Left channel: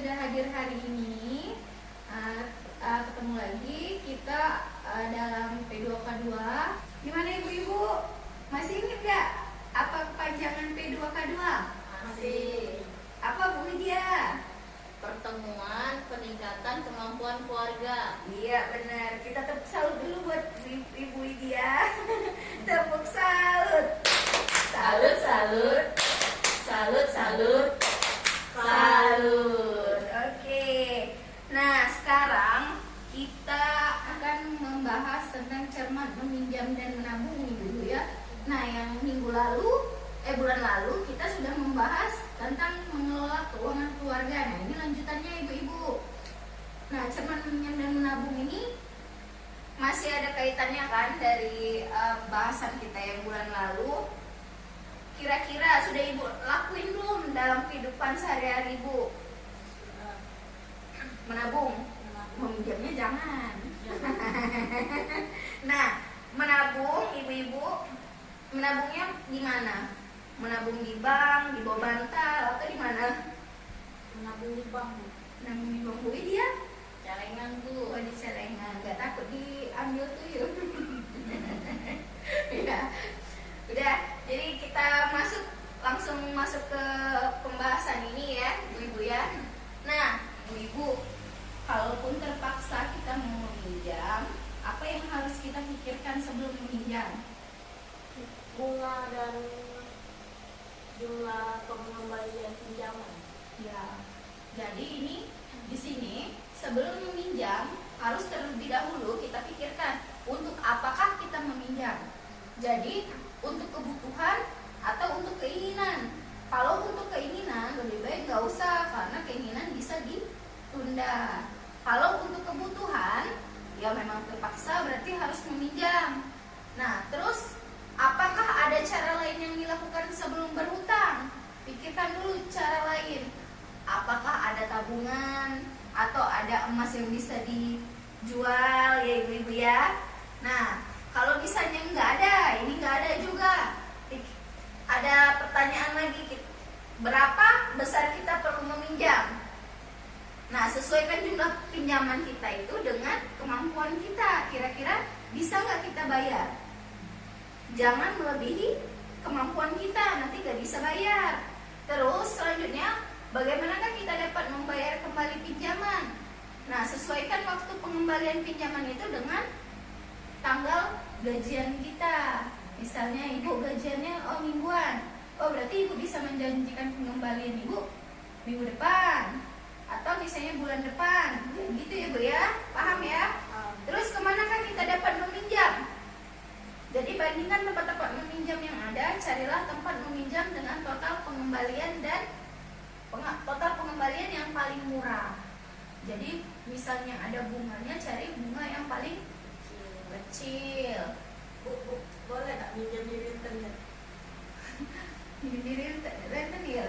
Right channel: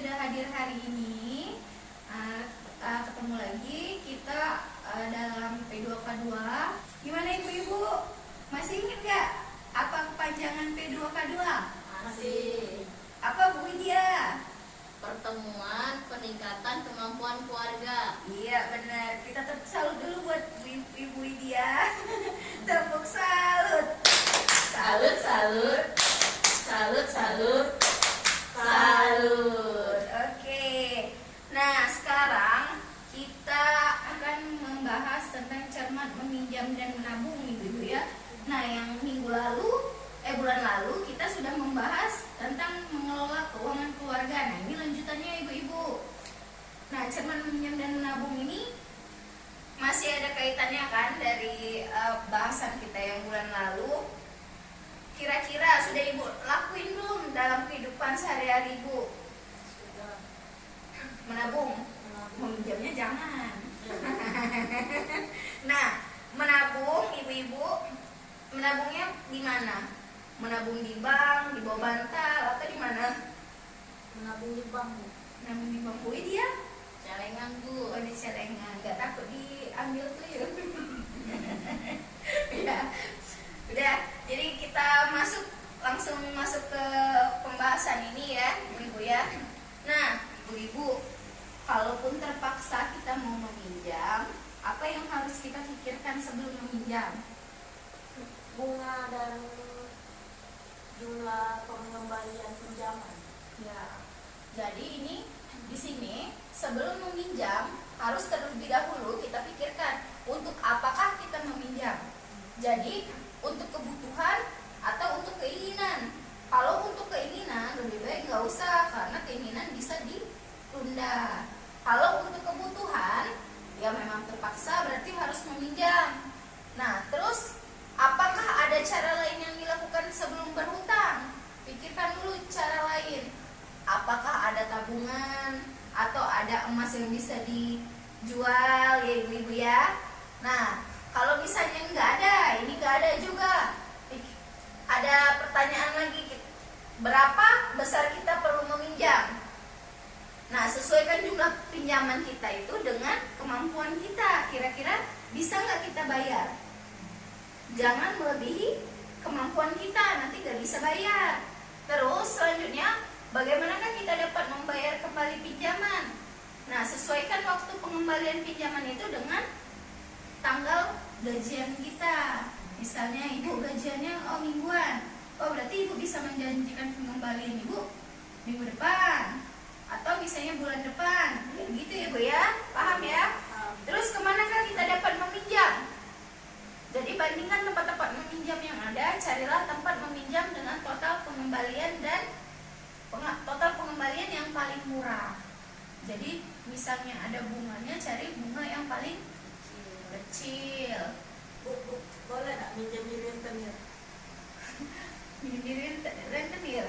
sudah hadir hari ini. Ketemu lagi kita dalam P2K2. Gimana ibu-ibu? Masih ingat gak apa kepanjangan P2K2? Masih. Apa Bu Widya? Pertemuan peningkatan kemampuan keluarga. Iya benar. Kita tepuk salut dulu buat Ibu Widya. Tepuk salut. Salut, salut. Salut, salut. Salut. Oke. Nah, sekarang kita akan membahas tentang cermat meminjam dan menabung Ibu ya. Nah, yang bulan lalu kita sudah membahas tentang mengelola keuangan keluarga. Nah, ini lanjutannya Ibu-ibu. Nah, cermat meminjam dan menabung ini masih ada kaitannya kan dari bahasan kita yang bulan lalu. Kira-kira sudah Ibu lakuin belum dalam kehidupan sehari-hari Ibu? Menabung? Meminjamnya jangan. Nah, menabung Ibu-ibu, menabungnya di mana? Menabung di bank, di bawah bantal, atau di mana? Menabung di bank. Menabung di bank Bu dia? Celengan, Bu. Oh, di celengan. Gak takut diambil tuyul. Ya. Udah, jadi kita langsung masuk ke pembahasan ini ya, Ibu ya. Nah, Ibu, kalaupun terpaksa kita mau meminjam, apa yang harus kita pikirkan sebelum meminjam? Bunga dan jumlah pengembalian pinjaman. Ya. Jadi ini di sini sebelum meminjam harus terlebih dahulu kita pikirkan untuk apakah kita meminjam. Jadi untuk kebutuhan atau untuk keinginan. Kalau untuk keinginan lebih baik nggak usah karena keinginan bisa ditunda. Kalau untuk kebutuhan ya memang terpaksa berarti harus meminjam. Nah terus apakah ada cara lain yang dilakukan sebelum berhutang? Pikirkan dulu cara lain. Apakah ada tabungan atau ada emas yang bisa dijual ya ibu-ibu ya? Nah kalau misalnya ini nggak ada juga. Ada pertanyaan lagi, berapa besar kita perlu meminjam? Nah, sesuaikan jumlah pinjaman kita itu dengan kemampuan kita. Kira-kira bisa nggak kita bayar? Jangan melebihi kemampuan kita, nanti nggak bisa bayar. Terus selanjutnya, bagaimanakah kita dapat membayar kembali pinjaman? Nah, sesuaikan waktu pengembalian pinjaman itu dengan tanggal gajian kita. Misalnya ibu gajiannya mingguan, berarti ibu bisa menjanjikan pengembalian ibu minggu depan atau misalnya bulan depan, gitu ya Bu ya, paham ya? Terus kemanakah kita dapat meminjam? Jadi bandingkan tempat-tempat meminjam yang ada, carilah tempat meminjam dengan total pengembalian dan total pengembalian yang paling murah. Jadi misalnya ada bunganya, cari bunga yang paling kecil. Bu, boleh nggak minjem di rentenir? Minjem di rentenir.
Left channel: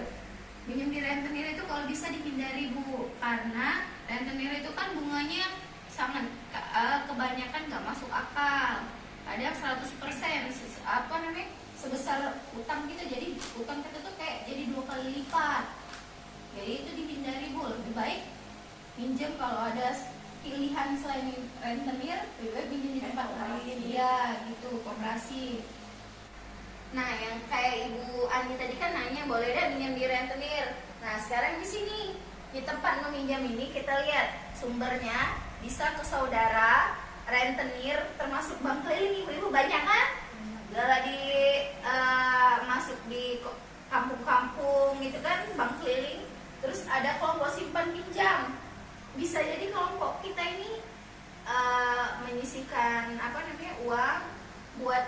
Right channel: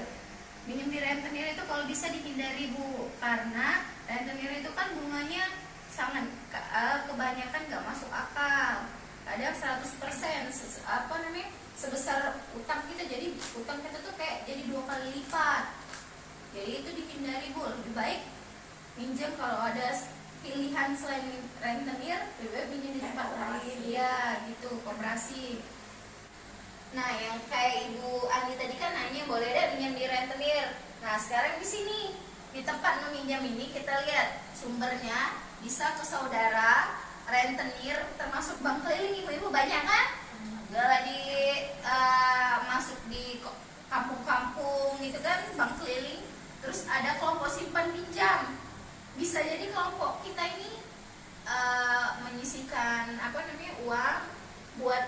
Minjem di rentenir itu kalau bisa dihindari Bu, karena rentenir itu kan bunganya sangat kebanyakan nggak masuk akal. Ada 100% sebesar utang kita, jadi utang kita tuh kayak jadi 2 kali lipat. Jadi itu dihindari Bu. Lebih baik minjem kalau ada pilihan selain rentenir, lebih baik minjem di tempat lain ya, gitu, koperasi. Nah, yang kayak Ibu Andi tadi kan nanya boleh deh minjem di rentenir. Nah, sekarang di sini di tempat meminjam ini kita lihat sumbernya bisa ke saudara, rentenir, termasuk bank keliling ibu-ibu banyak kan? Gala masuk di kampung-kampung gitu kan, bank keliling. Terus ada kelompok simpan pinjam. Bisa jadi kelompok kita ini menyisihkan uang buat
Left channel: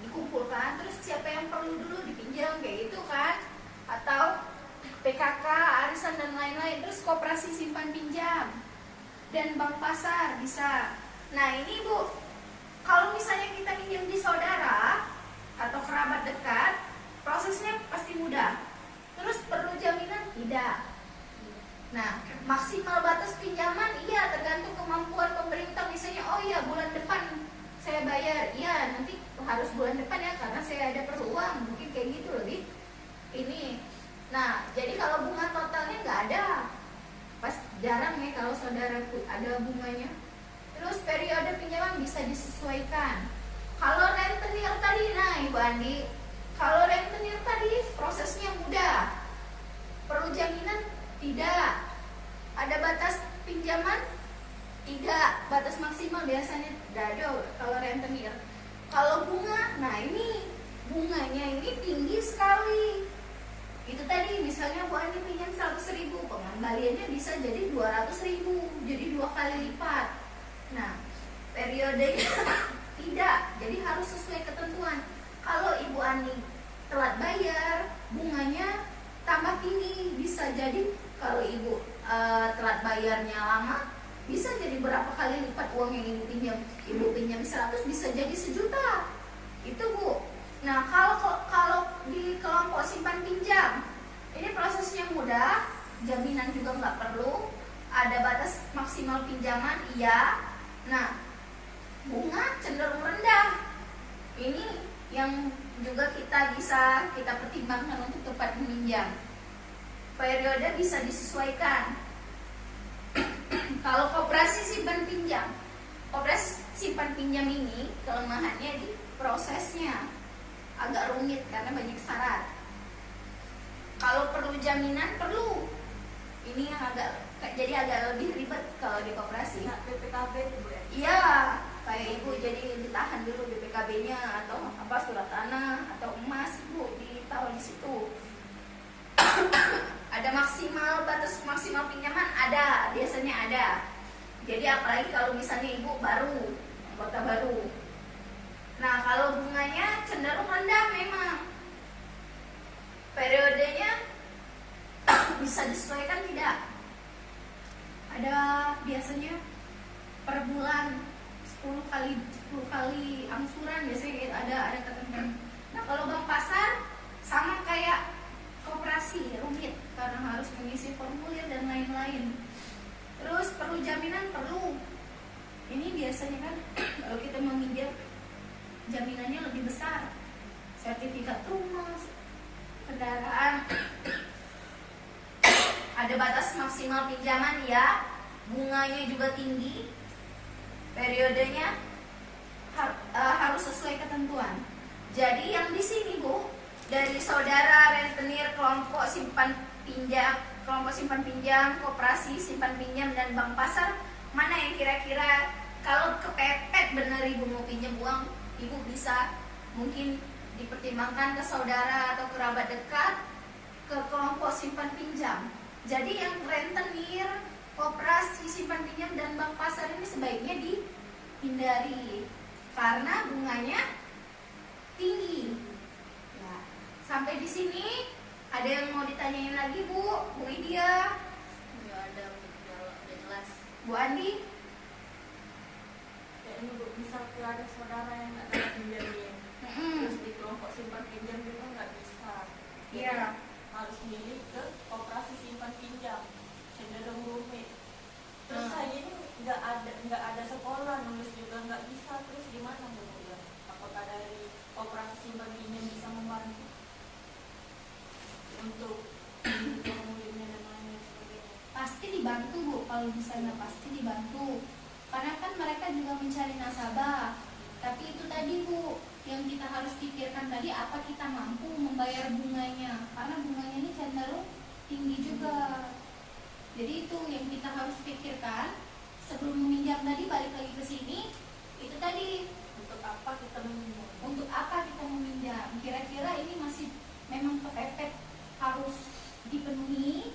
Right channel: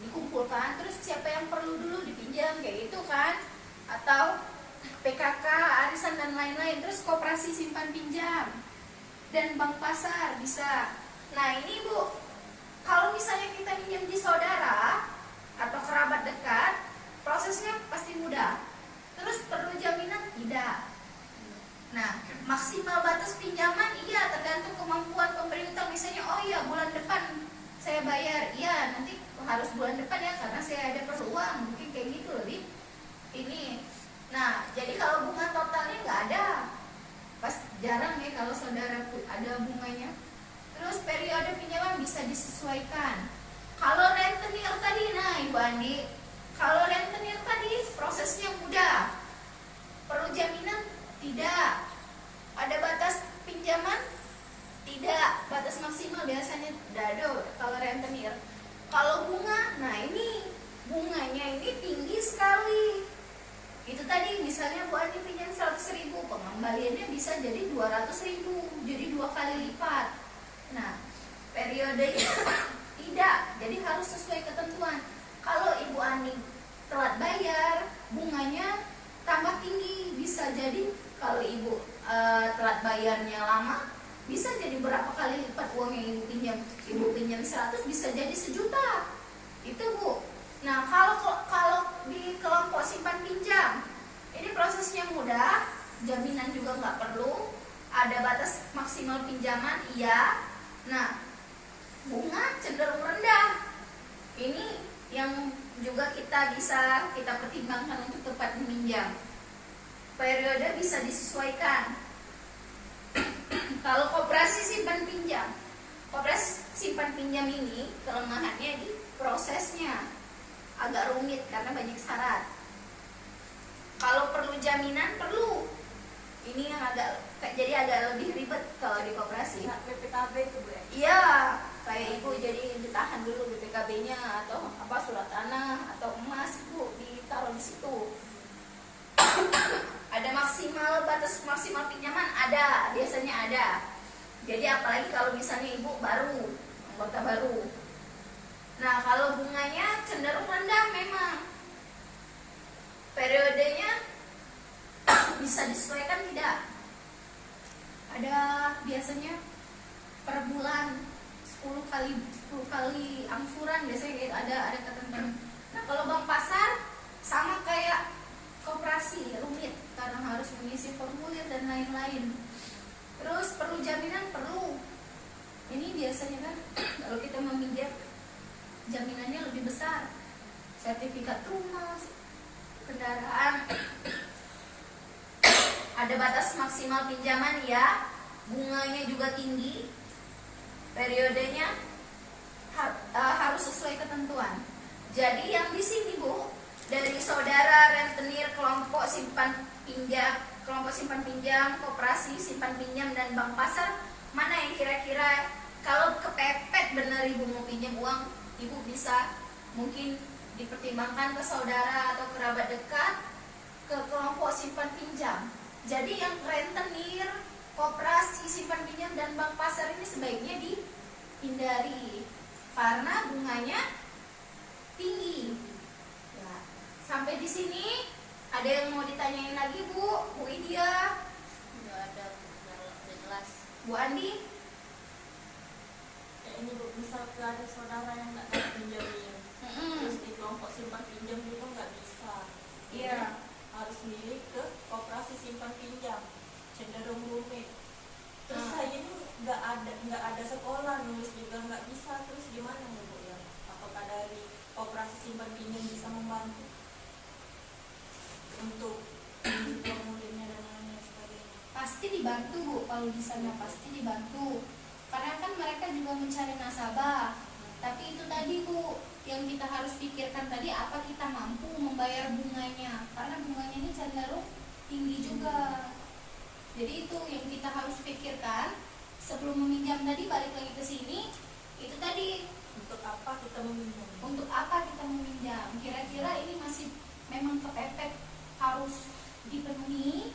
dikumpulkan, terus siapa yang perlu dulu dipinjam kayak gitu kan, atau PKK, arisan dan lain-lain. Terus koperasi simpan pinjam dan bank pasar bisa. Nah ini Bu, kalau misalnya kita pinjam di saudara atau kerabat dekat, prosesnya pasti mudah. Terus perlu jaminan? Tidak. Nah, maksimal batas pinjaman iya tergantung kemampuan pemerintah. Misalnya, bulan depan saya bayar, iya nanti harus bulan depan ya karena saya ada perlu uang, mungkin kayak gitu lebih ini. Nah, jadi kalau bunga totalnya nggak ada, jarang ya kalau saudara ada bunganya. Terus periode pinjaman bisa disesuaikan. Kalau rentenir tadi, nah Ibu Andi, kalau rentenir tadi prosesnya mudah. Perlu jaminan? Tidak. Ada batas pinjaman? Tidak. Batas maksimal biasanya dado kalau rentenir. Kalau bunga, nah ini bunganya ini tinggi sekali. Itu tadi misalnya Bu Andi pinjam 100.000, pengembaliannya bisa jadi 200.000, jadi 2 kali lipat. Nah, periodenya tidak, jadi harus sesuai ketentuan. Kalau Ibu Ani telat bayar, bunganya tambah tinggi. Bisa jadi kalau Ibu telat bayarnya lama, bisa jadi berapa kali lipat uang yang Ibu pinjam. Ibu pinjam 100 bisa jadi 1.000.000. Itu Bu. Nah, kalau di kelompok simpan pinjam, ini prosesnya mudah, jaminan juga nggak perlu, ada batas maksimal pinjaman, iya. Nah, bunga cenderung rendah. Ini yang juga kita bisa pertimbangkan untuk tepat meminjam. Periode bisa disesuaikan. Kalau koperasi simpan pinjam ini kelemahannya di prosesnya. Agak rumit karena banyak syarat. Kalau perlu jaminan, perlu. Ini yang jadi agak lebih ribet kalau di koperasi. Nah, BPKB itu Bu ya? Iya, kayak Ibu jadi ditahan dulu BPKB-nya atau apa surat tanah atau emas Bu ditaruh di situ. Ada batas maksimal pinjaman ada, biasanya ada. Jadi apalagi kalau misalnya Ibu anggota baru. Nah, kalau bunganya cenderung rendah memang. Periodenya bisa disesuaikan tidak? Ada biasanya per bulan 10 kali angsuran biasanya ada ketentuan. Nah, kalau bank pasar sama kayak koperasi, rumit karena harus mengisi formulir dan lain-lain. Terus perlu jaminan, perlu. Ini biasanya kan kalau kita meminjam jaminannya lebih besar, sertifikat rumah, kendaraan. Ada batas maksimal pinjaman ya, bunganya juga tinggi, periodenya harus sesuai ketentuan. Jadi yang di sini Bu, dari saudara rentenir kelompok simpan pinjam, koperasi simpan pinjam dan bank pasar, mana yang kira-kira kalau kepepet bener Ibu mau pinjam uang, Ibu bisa mungkin dipertimbangkan ke saudara atau kerabat dekat ke kelompok simpan pinjam. Jadi yang rentenir, koperasi simpan pinjam dan bank pasar ini sebaiknya dihindari karena bunganya tinggi. Ya. Sampai di sini ada yang mau ditanyain lagi Bu Widya? Nggak ada Bu, jelas. Bu Andi? Ini Bu, bisa ada saudara yang nggak dapat pinjamin. Terus di kelompok simpan pinjam juga nggak bisa. Iya. Harus milih ke koperasi simpan pinjam, cenderung rumit. Terus saya ini nggak ada sekolah, nulis juga nggak bisa. Terus gimana Bu ya? Apakah dari koperasi simpan pinjam bisa membantu untuk formulirnya dan lain sebagainya? Pasti dibantu Bu, kalau di sana pasti dibantu. Karena kan mereka juga mencari nasabah. Tapi itu tadi Bu, yang kita harus pikirkan tadi, apa kita mampu membayar bunganya? Karena bunganya ini cenderung tinggi juga. Jadi itu yang kita harus pikirkan sebelum meminjam tadi. Balik lagi ke sini, itu tadi Untuk apa kita meminjam? untuk apa kita meminjam? Kira-kira ini masih memang kepepet harus dipenuhi,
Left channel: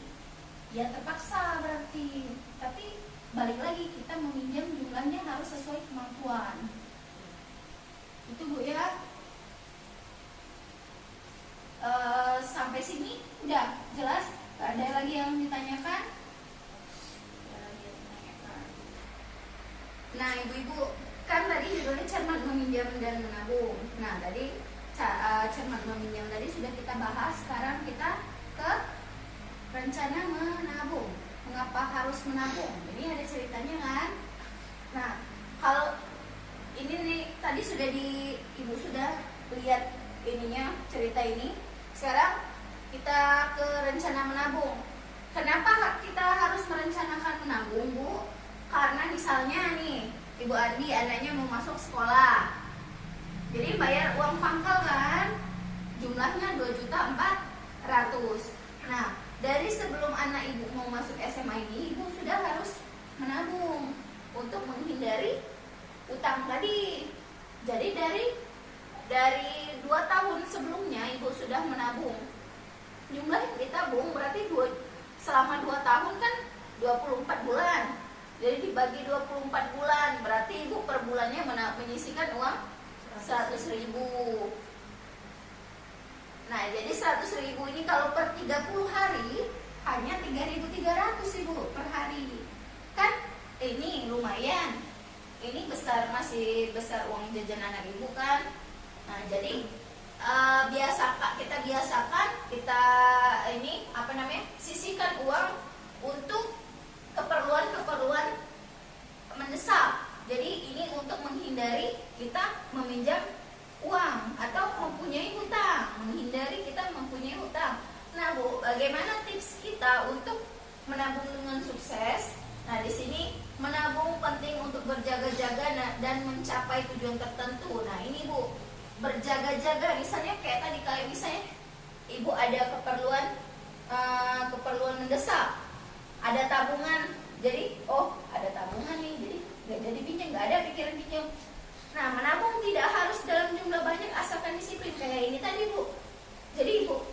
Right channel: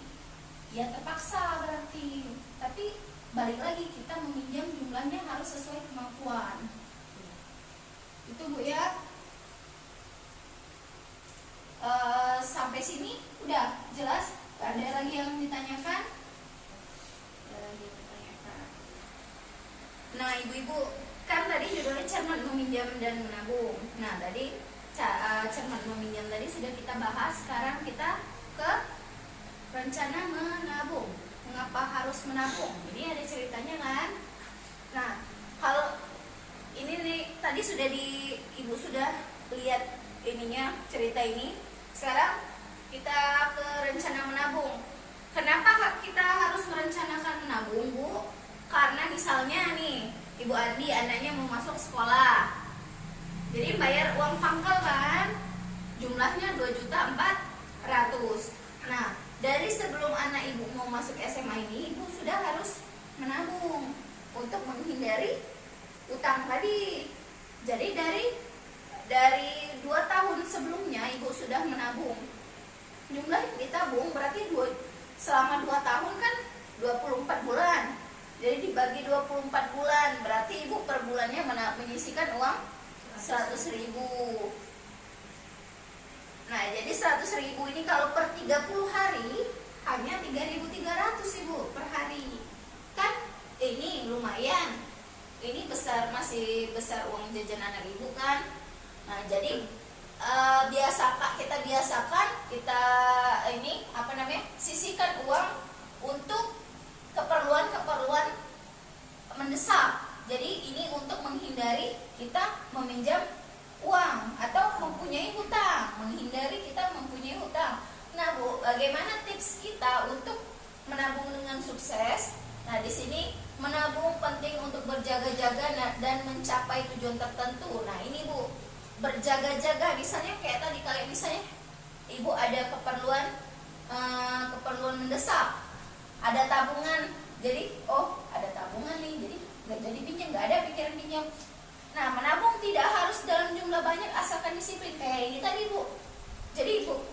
ya terpaksa berarti. Tapi balik lagi, kita meminjam jumlahnya harus sesuai kemampuan. Itu Bu ya. Sampai sini udah jelas? Gak ada lagi yang ditanyakan? Nah ibu-ibu, kan tadi juga cermat meminjam dan menabung. Nah tadi cermat meminjam tadi sudah kita bahas. Sekarang kita ke rencana menabung. Mengapa harus menabung? Ini ada ceritanya kan? Nah, kalau ini tadi Ibu sudah lihat ininya, cerita ini. Sekarang kita ke rencana menabung. Kenapa kita harus merencanakan Ibu Andi anaknya mau masuk sekolah, jadi bayar uang pangkal kan, jumlahnya 2.400.000. Nah, dari sebelum anak ibu mau masuk SMA ini, ibu sudah harus menabung untuk menghindari utang tadi. Jadi dari 2 tahun sebelumnya ibu sudah menabung. Jumlah yang ditabung berarti selama 2 tahun kan 24 bulan. Jadi dibagi 24 bulan, berarti ibu per bulannya menyisihkan uang 100.000. Nah, jadi 100.000 ini kalau per 30 hari hanya 3.300 ibu per hari. Kan ini lumayan. Ini besar, masih besar uang jajan anak ibu kan. Nah, jadi kita biasakan kita ini sisihkan uang untuk keperluan mendesak. Jadi ini untuk menghindari kita meminjam uang atau mempunyai hutang, menghindari kita mempunyai hutang. Nah, Bu, bagaimana tips kita untuk menabung dengan sukses? Nah, di sini menabung penting untuk berjaga-jaga dan mencapai tujuan tertentu. Nah, ini Bu, berjaga-jaga misalnya misalnya ibu ada keperluan mendesak, ada tabungan, jadi ada tabungan nih, jadi nggak jadi pinjam, nggak ada pikiran pinjam. Nah, menabung tidak harus dalam jumlah banyak asalkan disiplin kayak ini tadi Bu. Jadi ibu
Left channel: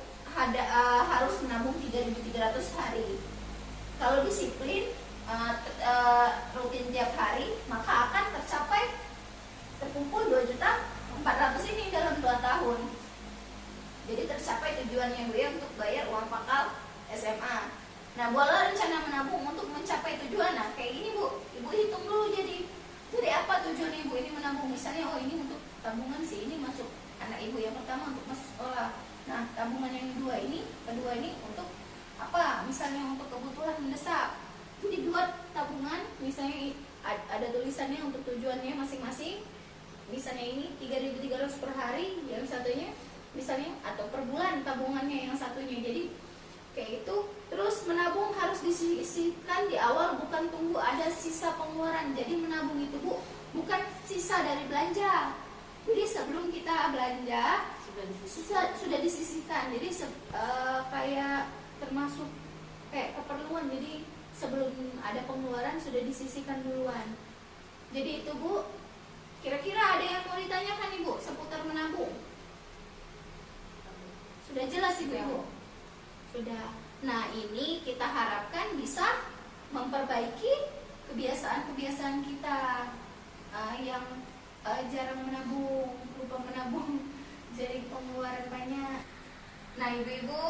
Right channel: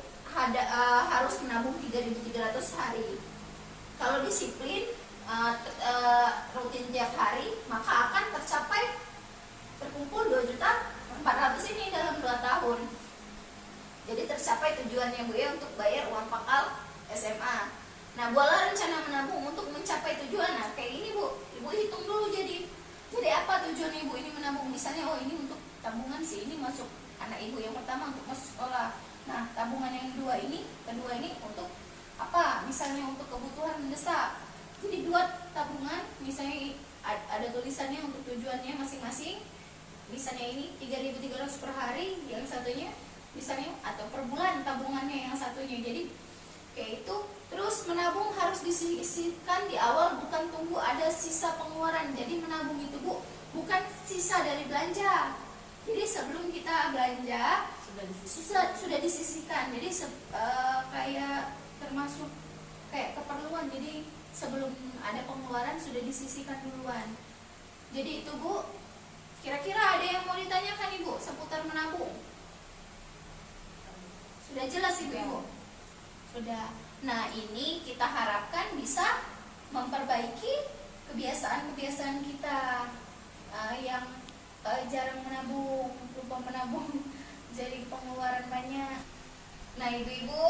harus menabung 3.300 hari. Kalau disiplin rutin tiap hari, maka akan terkumpul 2.400.000 ini dalam 2 tahun. Jadi tercapai tujuannya Bu ya, untuk bayar uang pangkal SMA. Nah, buatlah rencana menabung untuk mencapai tujuan. Nah, kayak ini Bu, ibu hitung dulu jadi apa tujuan ibu ini menabung. Misalnya, ini untuk tabungan sih, ini masuk anak ibu yang pertama untuk masuk sekolah. Nah, tabungan yang kedua ini untuk apa? Misalnya untuk kebutuhan mendesak. Jadi buat tabungan, misalnya ada tulisannya untuk tujuannya masing-masing. Misalnya ini 3.300 per hari, yang satunya misalnya, atau per bulan tabungannya yang satunya. Jadi kayak itu. Terus menabung harus disisihkan di awal, bukan tunggu ada sisa pengeluaran. Jadi menabung itu Bu, bukan sisa dari belanja. Jadi sebelum kita belanja sudah disisihkan. Jadi kayak termasuk kayak keperluan. Jadi sebelum ada pengeluaran sudah disisihkan duluan. Jadi itu Bu. Kira-kira ada yang mau ditanyakan Ibu seputar menabung? Sudah jelas Ibu? Sudah. Nah, ini kita harapkan bisa memperbaiki kebiasaan-kebiasaan kita yang jarang menabung, lupa menabung, jadi pengeluaran banyak. Nah, ibu-ibu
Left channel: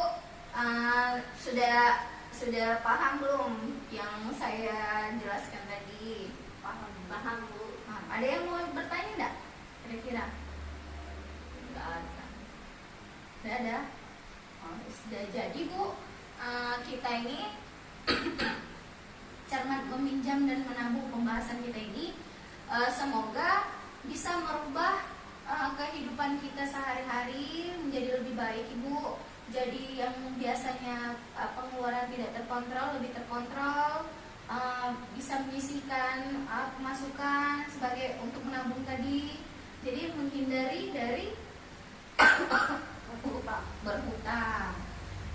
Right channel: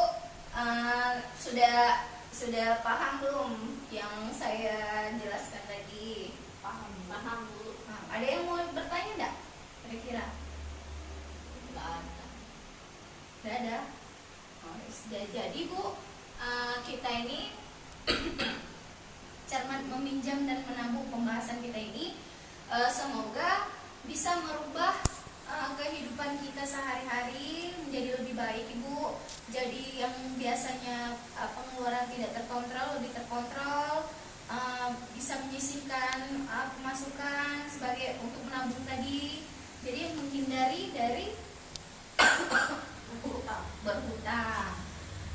sudah paham belum yang saya jelaskan tadi? Paham Bu. Ada yang mau bertanya enggak? Kira-kira? Enggak ada. Sudah jadi Bu, kita ini cermat meminjam dan menabung, pembahasan kita ini semoga bisa merubah kehidupan kita sehari-hari menjadi lebih baik Ibu. Jadi yang biasanya pengeluaran tidak terkontrol lebih terkontrol, bisa menyisihkan pemasukan sebagai untuk menabung tadi. Jadi menghindari dari berhutang.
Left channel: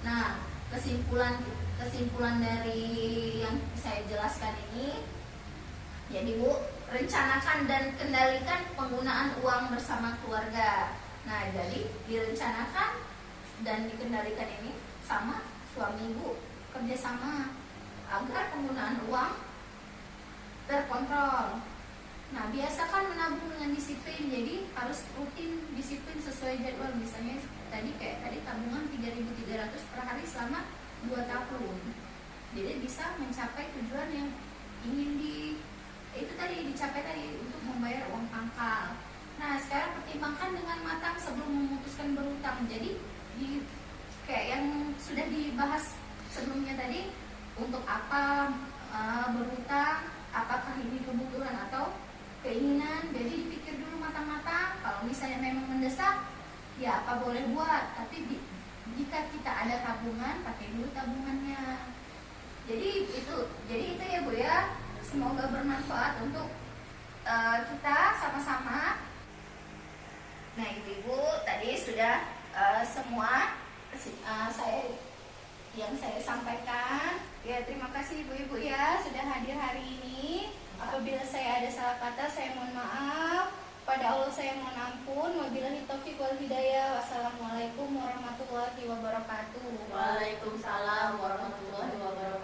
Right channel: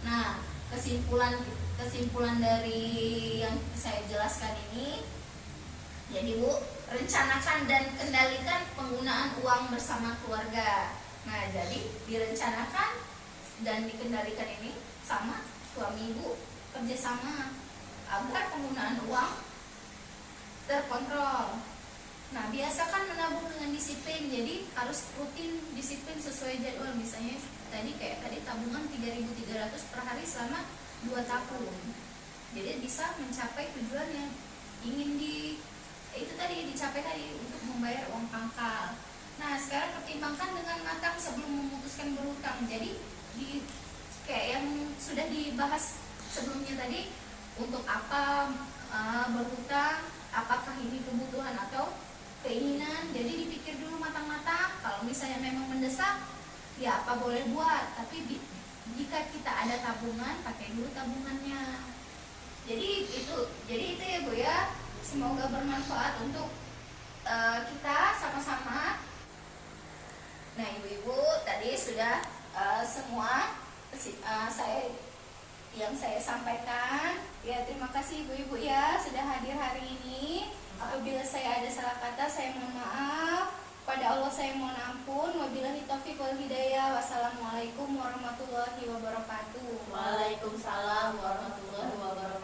Nah, kesimpulan dari yang saya jelaskan ini, jadi Bu, rencanakan dan kendalikan penggunaan uang bersama keluarga. Nah, jadi direncanakan dan dikendalikan ini sama suami Ibu, kerjasama agar penggunaan uang terkontrol. Nah, biasakan menabung dengan disiplin. Jadi harus rutin disiplin sesuai jadwal. Misalnya tadi tabungan 3.300 per hari selama 2 tahun. Jadi bisa mencapai tujuan yang ingin dicapai tadi, untuk membayar uang pangkal. Nah, sekarang pertimbangkan dengan matang sebelum memutuskan berhutang. Jadi kayak yang sudah dibahas sebelumnya tadi, untuk apa berhutang, apakah ini kebutuhan atau keinginan. Jadi dipikir dulu matang-matang. Kalau misalnya memang mendesak, ya apa boleh buat. Tapi jika kita ada tabungan, pakai dulu tabungannya. Jadi itu ya Bu ya. Semoga bermanfaat untuk kita sama-sama. Nah, ibu-ibu tadi sudah semua saya sampaikan. Ya, terima kasih ibu-ibu ya sudah hadir hari ini. Apabila saya ada salah kata, saya mohon maaf. Pada Allah saya mohon ampun. Wabillahi taufiq wal hidayah. Wassalamualaikum warahmatullahi wabarakatuh. Waalaikumsalam warahmatullahi wabarakatuh.